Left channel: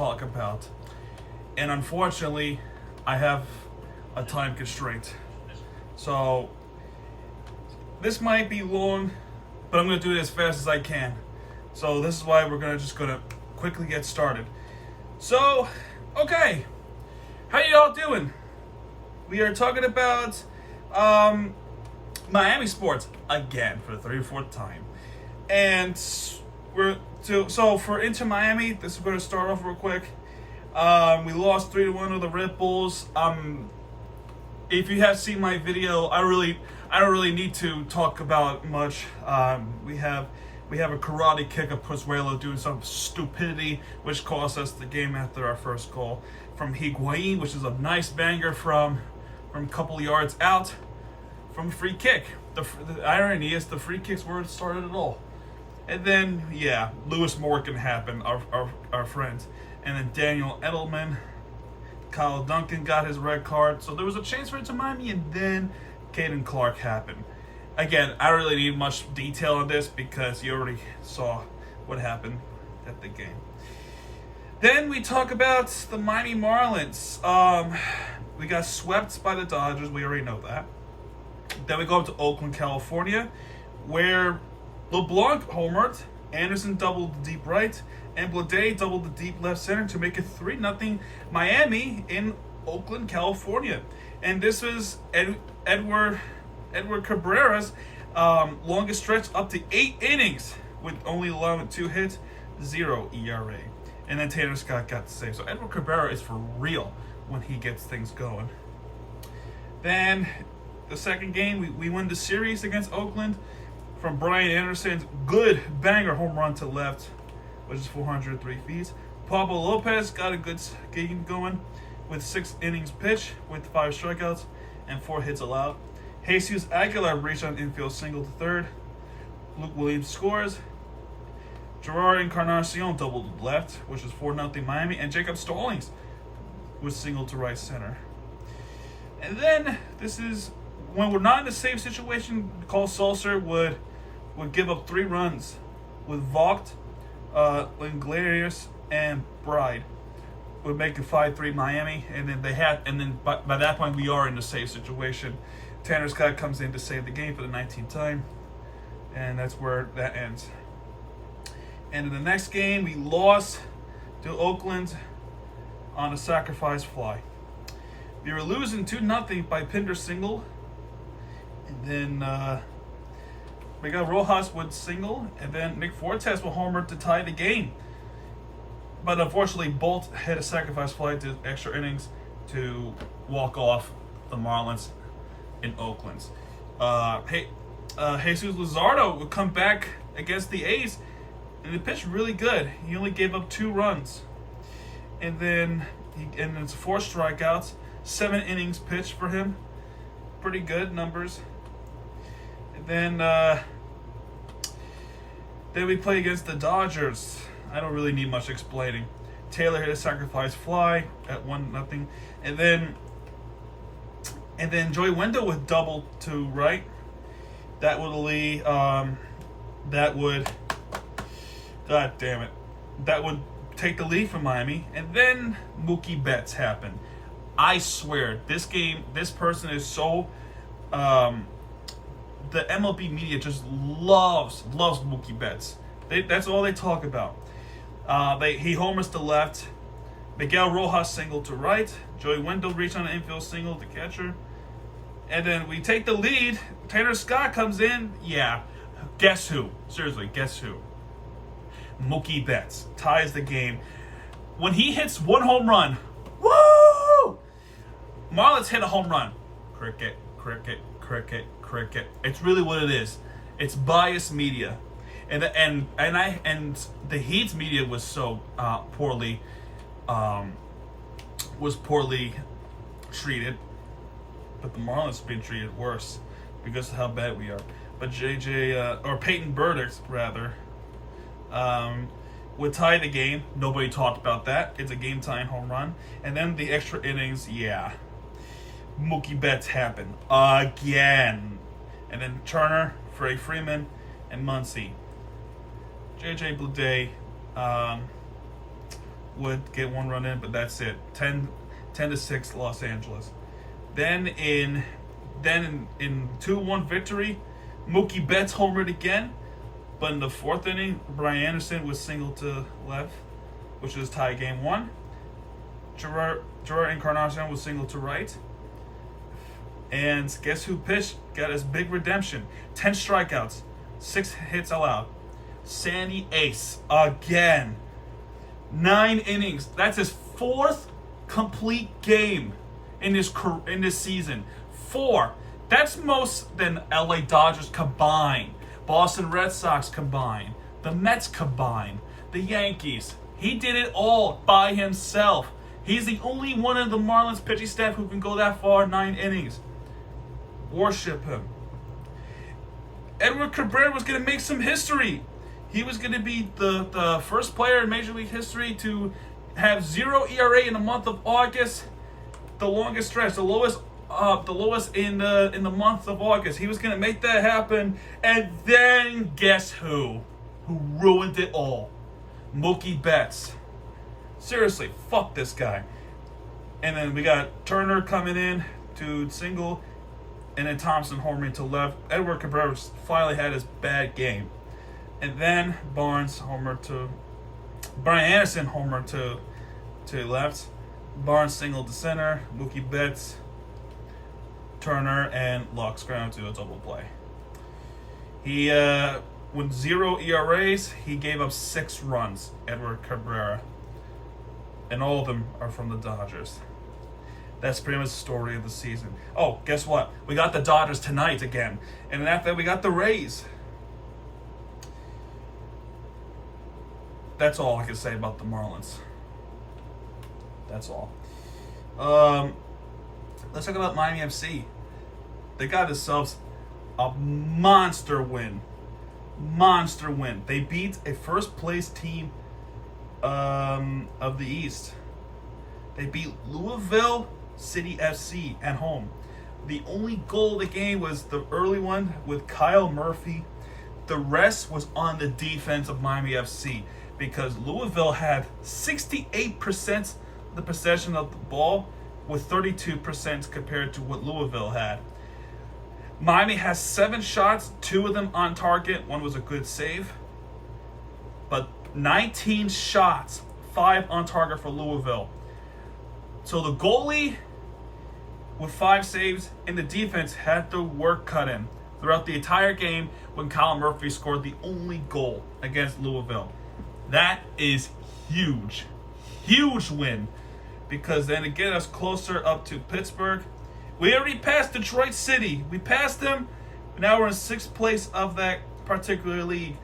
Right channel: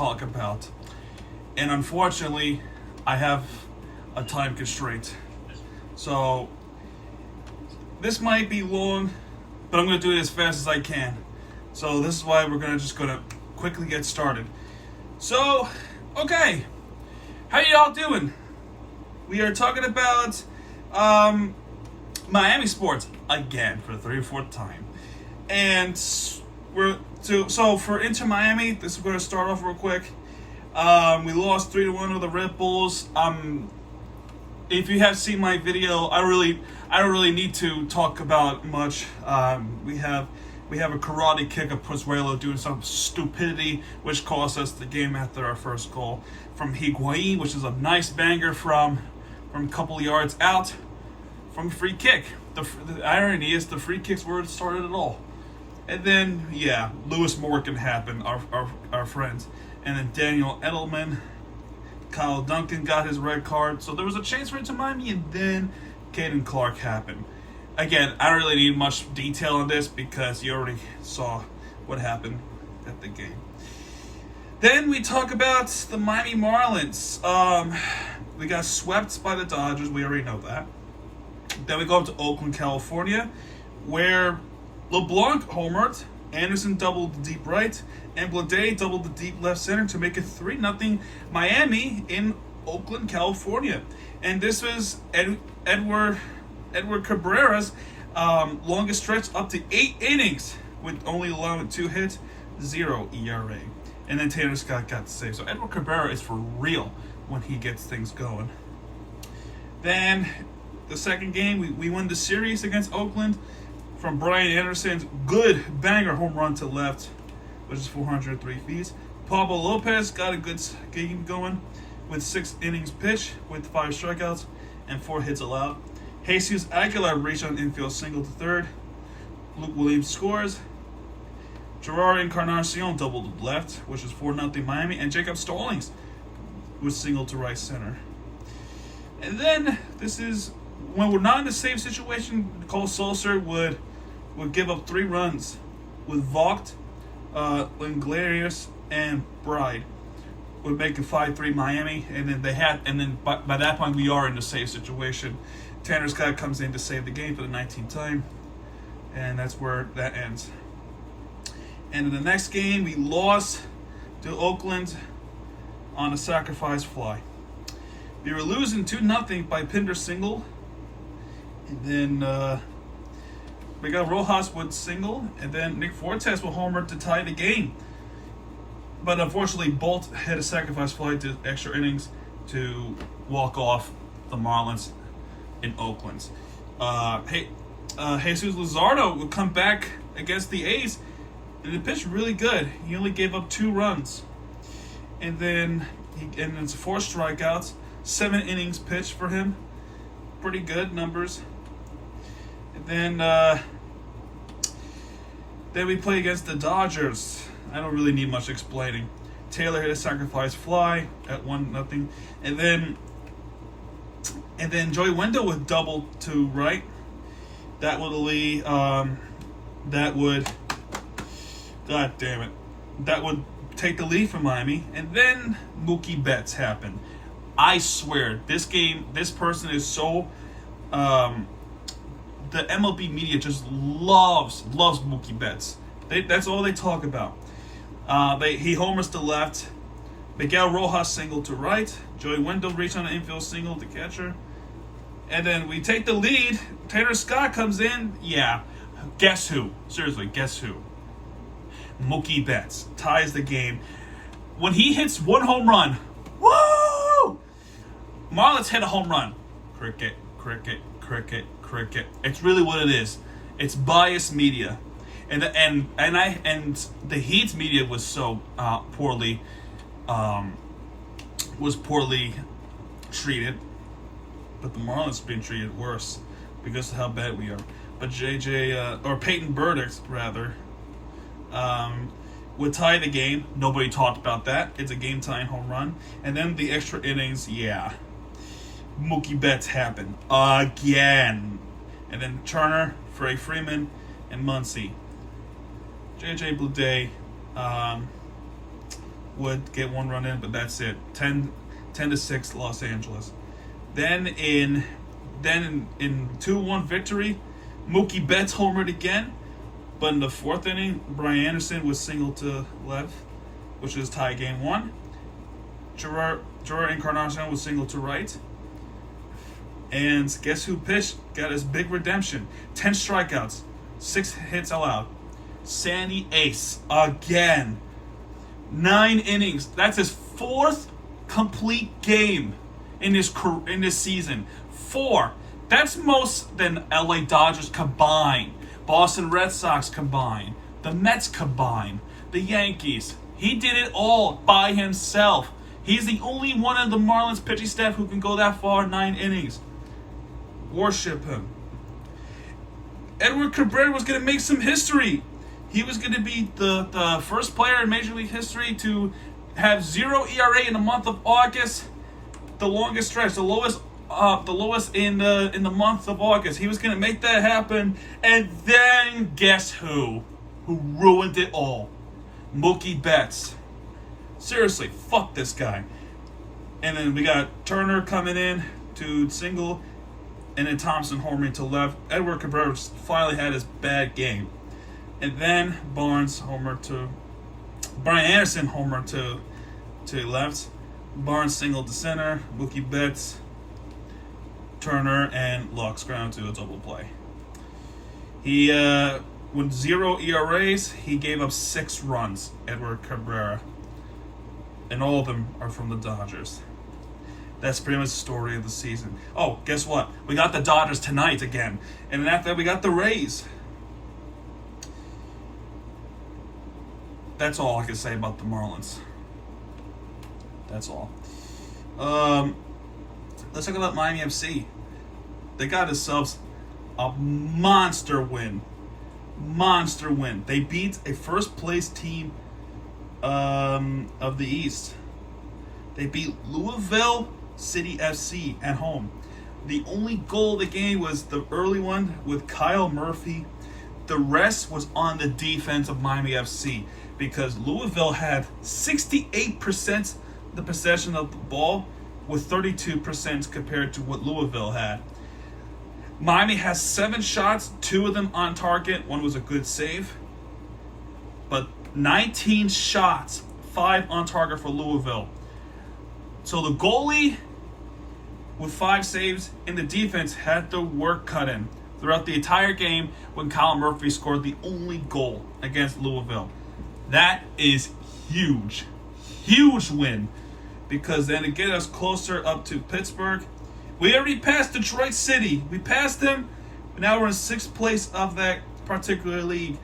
talk about. And unfortunately, I have a time constraint. So, this might be long, but I'm going to do it as fast as I can. So, this is why we're going to quickly get started. So, okay. How y'all doing? We are talking about Miami sports again for the 34th time. And so for Inter Miami, this is going to start off real quick. We lost 3-1 to the Red Bulls. If you have seen my video, I don't really need to talk about much. We have a karate kick of Pozuelo doing some stupidity, which cost us the game after our first goal from Higuain, which is a nice banger from a couple of yards out from a free kick. The irony is the free kicks were started at all. And then, Lewis Morgan happened, our friends. And then Daniel Edelman, Kyle Duncan got his red card. So there was a chance for it to Miami, and then Caden Clark happened. Again, I don't really need much detail on this because you already saw what happened at the game. Then we talk about the Miami Marlins. We got swept by the Dodgers. We already know that. Then we go up to Oakland, California, where LeBlanc homered, Anderson doubled the deep right, and Blade doubled the deep left center to make it 3-0 Miami in Oakland, California. And this was Edward Cabrera's longest stretch, up to 8 innings, with only allowing 2 hits, 0 ERA. And then Tanner Scott got the save. So Edward Cabrera is for real when he gets things going. Then the second game, we win the series against Oakland from Brian Anderson's good banger home run to left, which is 403 feet. Pablo Lopez got a good game going with 6 innings pitched with 5 strikeouts and 4 hits allowed. Jesus Aguilar reached on infield single to third. Luke Williams scores. Gerard Encarnacion doubled to left, which is 4-0 Miami, and Jacob Stallings was single to right center. And then this is when we're not in a safe situation. Cole Sulcer would give up 3 runs with Vogt, Linglarius, and Bride. Would make it 5-3 Miami, and then by that point we are in a safe situation. Tanner Scott comes in to save the game for the 19th time, and that's where that ends. And in the next game, we lost to Oakland on a sacrifice fly. We were losing 2-0 by Pinder single, and then we got Rojas with single, and then Nick Fortes with homer to tie the game. But unfortunately, Bolt hit a sacrifice fly to extra innings to walk off the Marlins in Oakland. Jesus Luzardo would come back against the A's, and it pitched really good. He only gave up 2 runs, and then it's 4 strikeouts, 7 innings pitched for him. Pretty good numbers. And then we play against the Dodgers. I don't really need much explaining. Taylor hit a sacrifice fly at 1-0, and then Joey Wendell with double to right. That would lead. That would take the lead from Miami, and then Mookie Betts happened. I swear, this person is so. The MLB media just loves Mookie Betts. That's all they talk about. He homers to left. Miguel Rojas single to right. Joey Wendell reached on an infield single to catcher. And then we take the lead. Tanner Scott comes in. Yeah. Guess who? Seriously, guess who? Mookie Betts ties the game. When he hits 1 home run, woo! Marlins hit a home run. Cricket, cricket, cricket, cricket. It's really what it is. It's biased media. And the Heat's media was so poorly treated, but the Marlins being treated worse because of how bad we are. But Peyton Burdick rather would tie the game. Nobody talked about that. It's a game-tying home run, and then the extra innings. Mookie Betts happened again, and then Turner, Freddie Freeman, and Muncy. JJ Bleday would get 1 run in, but that's it. 10-6 Los Angeles. Then in 2-1 victory, Mookie Betts homered again, but in the 4th inning, Brian Anderson was single to left, which is tie game 1. Gerard Encarnacion was single to right. And guess who pitched? Got his big redemption. 10 strikeouts, 6 hits allowed. Sandy Ace again. 9 innings. That's his 4th complete game in this season. 4. That's most than LA Dodgers combined, Boston Red Sox combined, the Mets combined, the Yankees. He did it all by himself. He's the only one in the Marlins pitching staff who can go that far, 9 innings. Worship him. Edward Cabrera was going to make some history. He was going to be the first player in Major League history to have 0 ERA in the month of August, the longest stretch, the lowest in the month of August. He was going to make that happen, and then guess who ruined it all? Mookie Betts. Seriously, fuck this guy. And then we got Turner coming in to single, and then Thompson homering to left. Edward Cabrera finally had his bad game. And then Brian Anderson homer to left. Barnes single to center. Mookie Betts, Turner, and Lux ground to a double play. He with 0 ERAs, he gave up 6 runs. Edward Cabrera, and all of them are from the Dodgers. That's pretty much the story of the season. Oh, guess what? We got the Dodgers tonight again, and then after that we got the Rays. That's all I can say about the Marlins. That's all. Let's talk about Miami FC. They got themselves a monster win. Monster win. They beat a first-place team of the East. They beat Louisville City FC at home. The only goal of the game was the early one with Kyle Murphy. The rest was on the defense of Miami FC, because Louisville had 68% the possession of the ball with 32% compared to what Louisville had. Miami has 7 shots, 2 of them on target. 1 was a good save. But 19 shots, 5 on target for Louisville. So the goalie with 5 saves and the defense had the work cut in throughout the entire game when Kyle Murphy scored the only goal against Louisville. That is huge. Huge win, because then it gets us closer up to Pittsburgh. We already passed Detroit City. We passed them. Now we're in 6th place of that particular league.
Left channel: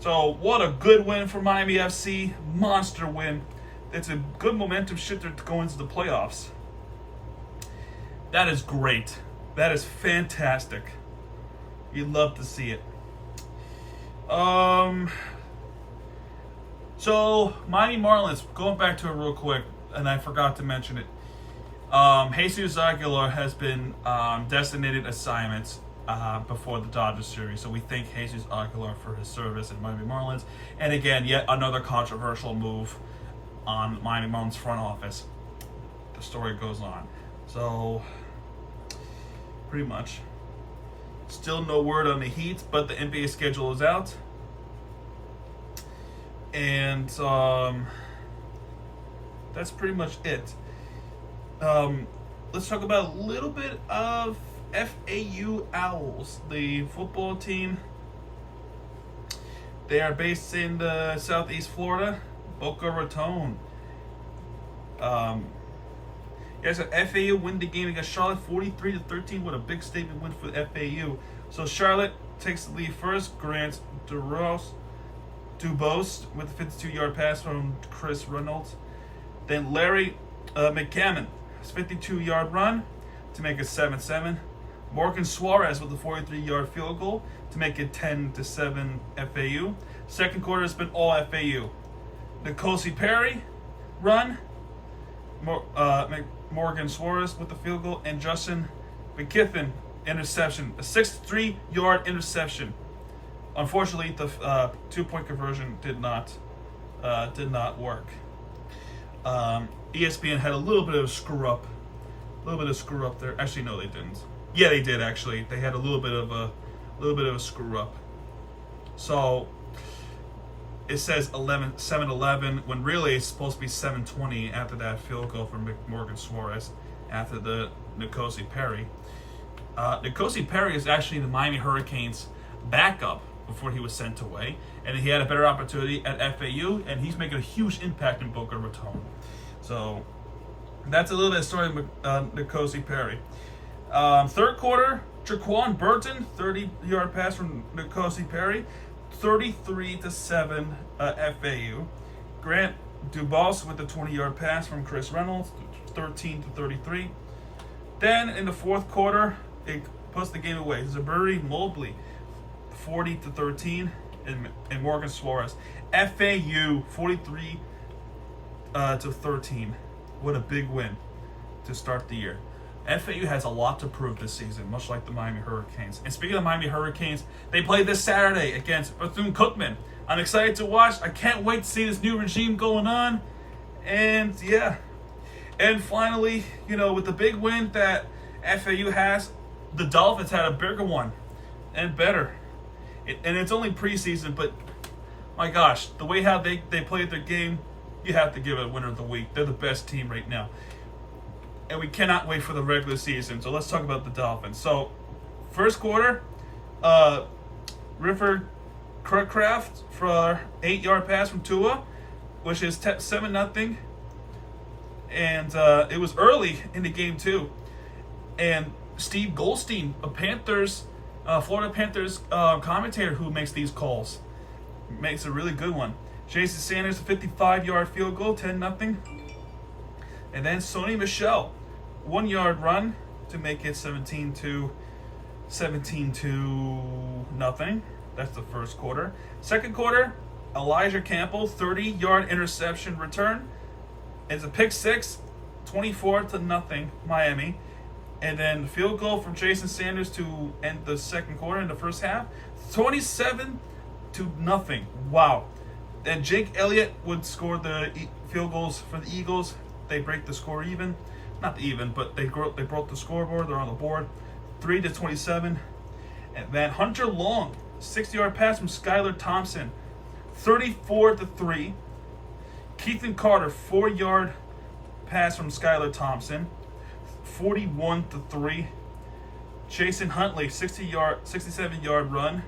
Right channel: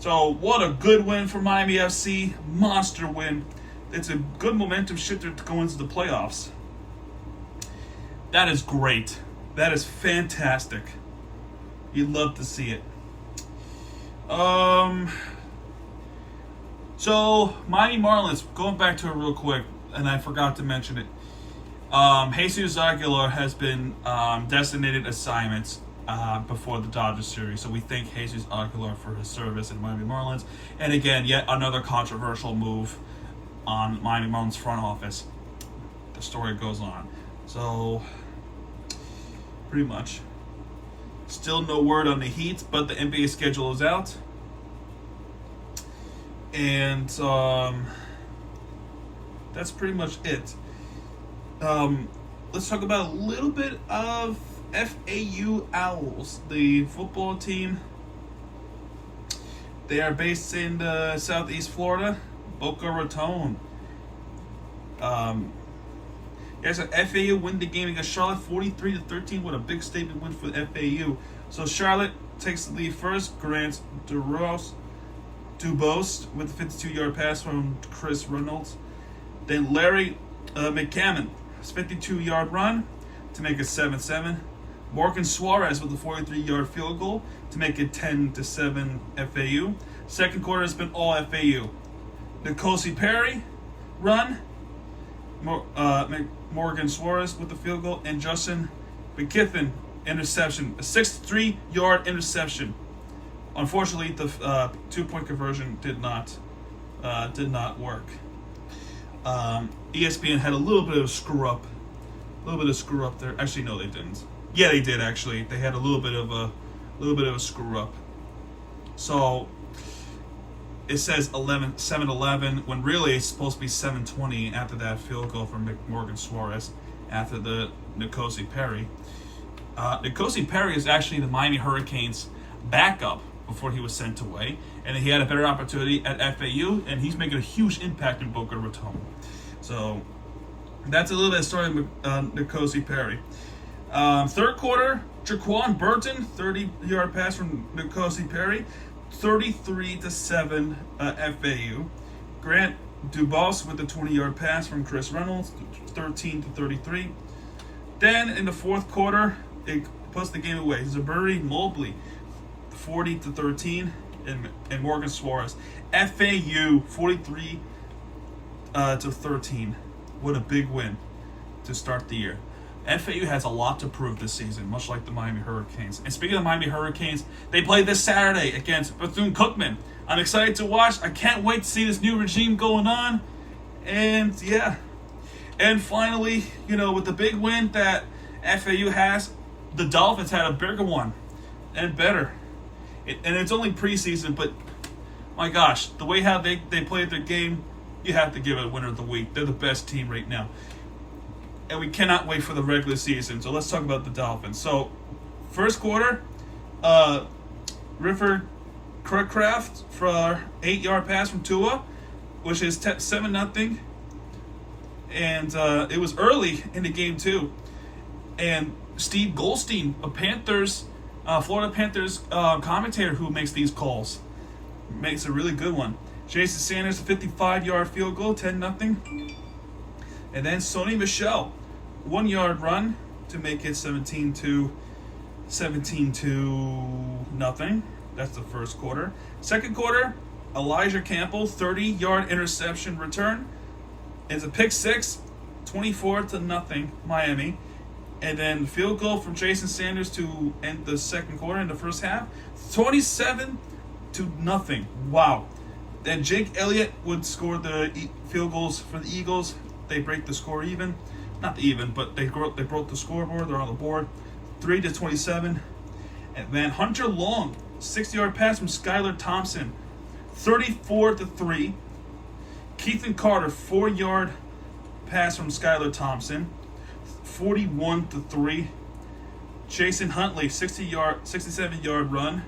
So what a good win for Miami FC. Monster win. It's a good momentum shifter to go into the playoffs. That is great. That is fantastic. You'd love to see it. So, Miami Marlins, going back to it real quick, and I forgot to mention it. Jesus Aguilar has been designated assignments before the Dodgers series. So we thank Jesus Aguilar for his service in Miami Marlins. And again, yet another controversial move on Miami Marlins front office. The story goes on. So, pretty much. Still no word on the Heat, but the NBA schedule is out. And that's pretty much it. Let's talk about a little bit of FAU Owls, the football team. They are based in Southeast Florida, Boca Raton. Yes, FAU win the game against Charlotte 43-13 with a big statement win for the FAU. So Charlotte takes the lead first. Grant Dubose with a 52-yard pass from Chris Reynolds. Then Larry McCammon, 52-yard run to make it 7-7. Morgan Suarez with a 43-yard field goal to make it 10-7 FAU. Second quarter has been all FAU. Nkosi Perry run. Morgan Suarez with the field goal, and Justin McKiffin interception, a 63-yard interception. Unfortunately, the 2-point conversion did not work. ESPN had a little bit of a screw up. There. Actually, no, they didn't. Yeah, they did actually. They had a little bit of a screw up. So it says 7-11 when really it's supposed to be 7:20 after that field goal from Morgan Suarez after the N'Kosi Perry. N'Kosi Perry is actually the Miami Hurricanes backup before he was sent away, and he had a better opportunity at FAU, and he's making a huge impact in Boca Raton. So that's a little bit of story of N'Kosi Perry. Third quarter, Jaquan Burton, 30-yard pass from N'Kosi Perry, 33-7 FAU. Grant Dubas with the 20-yard pass from Chris Reynolds, 13-33. Then in the fourth quarter, it puts the game away. Zaburi Mobley, 40-13, and Morgan Suarez. FAU 43-13. What a big win to start the year. FAU has a lot to prove this season, much like the Miami Hurricanes. And speaking of Miami Hurricanes, they play this Saturday against Bethune-Cookman. I'm excited to watch. I can't wait to see this new regime going on. And yeah. And finally, with the big win that FAU has, the Dolphins had a bigger one and better. And it's only preseason, but my gosh, the way how they played their game, you have to give it a winner of the week. They're the best team right now. And we cannot wait for the regular season. So let's talk about the Dolphins. So, first quarter, Rifford Crutcraft for 8-yard pass from Tua, which is 7-0. And it was early in the game, too. And Steve Goldstein, Florida Panthers commentator who makes these calls, makes a really good one. Jason Sanders, a 55-yard field goal, 10-0. And then Sony Michel, 1-yard run to make it 17-0. That's the first quarter. Second quarter, Elijah Campbell, 30-yard interception return. It's a pick six, 24-0 Miami. And then field goal from Jason Sanders to end the second quarter in the first half, 27-0. Wow. Then Jake Elliott would score the field goals for the Eagles. They break the score even. Not even, but they broke the scoreboard. They're on the board. 3-27. And then Hunter Long, 60-yard pass from Skylar Thompson, 34-3. Keithan Carter, 4-yard pass from Skylar Thompson, 41-3. Jason Huntley, 67-yard run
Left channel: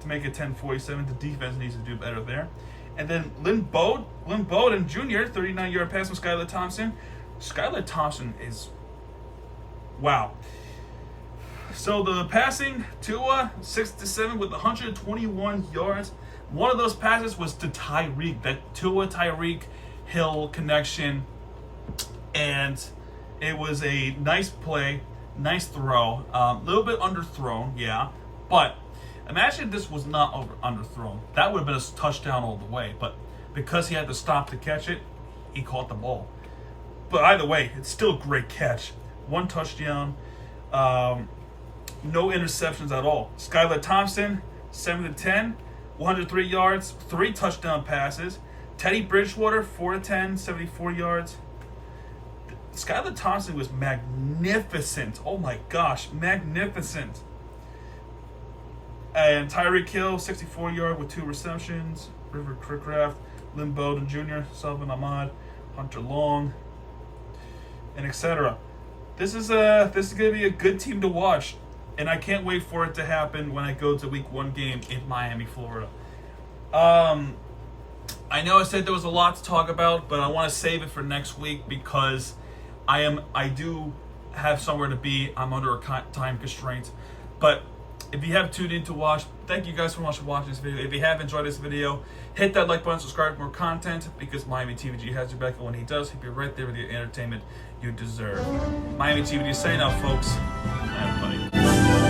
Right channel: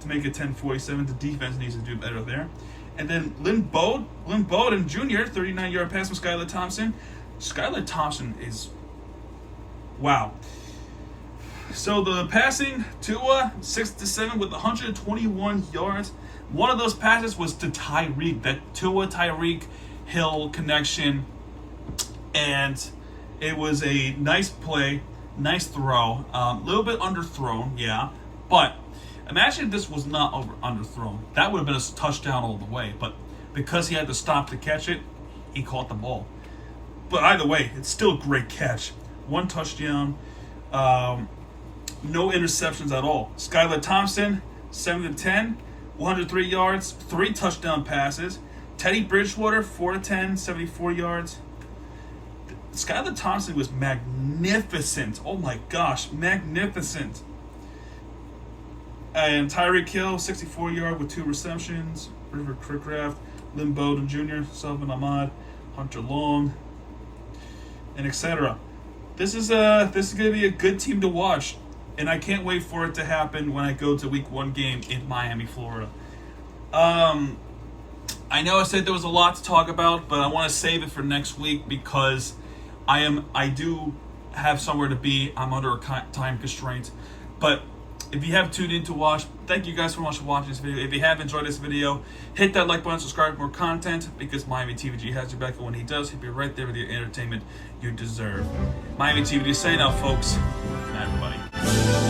to make it 10-47. The defense needs to do better there. And then Lynn Bowden Jr., 39-yard pass from Skylar Thompson. Skylar Thompson is wow. So the passing, Tua, 6-7 with 121 yards. One of those passes was to Tyreek, that Tua-Tyreek Hill connection. And it was a nice play, nice throw. A little bit underthrown, yeah. But imagine if this was not underthrown. That would have been a touchdown all the way. But because he had to stop to catch it, he caught the ball. But either way, it's still a great catch. One touchdown, no interceptions at all. Skylar Thompson, 7-10, 103 yards, 3 touchdown passes. Teddy Bridgewater, 4-10, 74 yards. Skylar Thompson was magnificent. Oh my gosh, magnificent. And Tyreek Hill, 64-yard with 2 receptions. River Crickraft, Lynn Bowden Jr., Sullivan Ahmad, Hunter Long, and etc. This is going to be a good team to watch, and I can't wait for it to happen when I go to Week 1 game in Miami, Florida. I know I said there was a lot to talk about, but I want to save it for next week because I do have somewhere to be. I'm under a time constraint, but if you have tuned in to watch, thank you guys so much for watching this video. If you have enjoyed this video, hit that like button, subscribe for more content, because Miami TVG has your back, and when he does, he'll be right there with your entertainment you deserve. Miami TVG saying out, folks. Good night, everybody.